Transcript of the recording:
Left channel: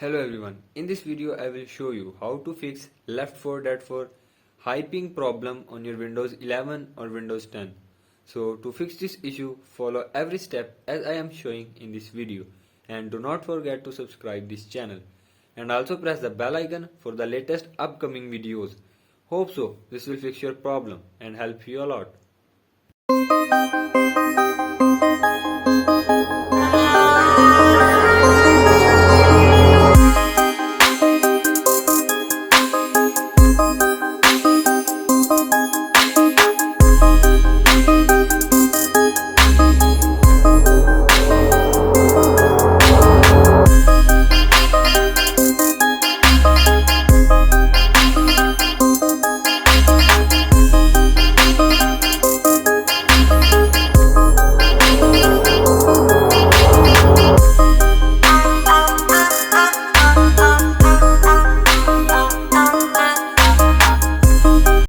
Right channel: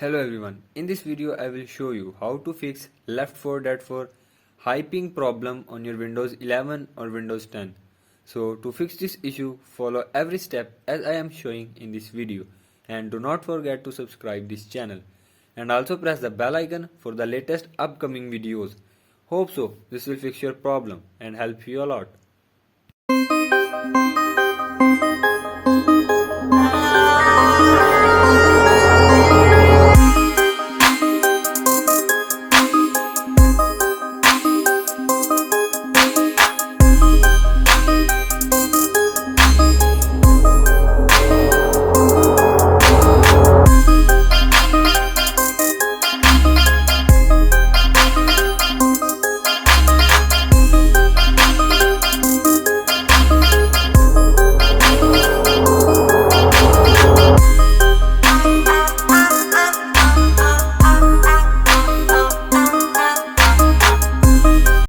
Hello everyone, in this video I will show you how to fix left 4 dead 4 high ping problem on your Windows 11 or Windows 10. So to fix this issue, follow every step as I am showing in this video, and do not forget to subscribe this channel and also press the bell icon for the latest upcoming videos. Hope so this will fix your problem and help you a lot.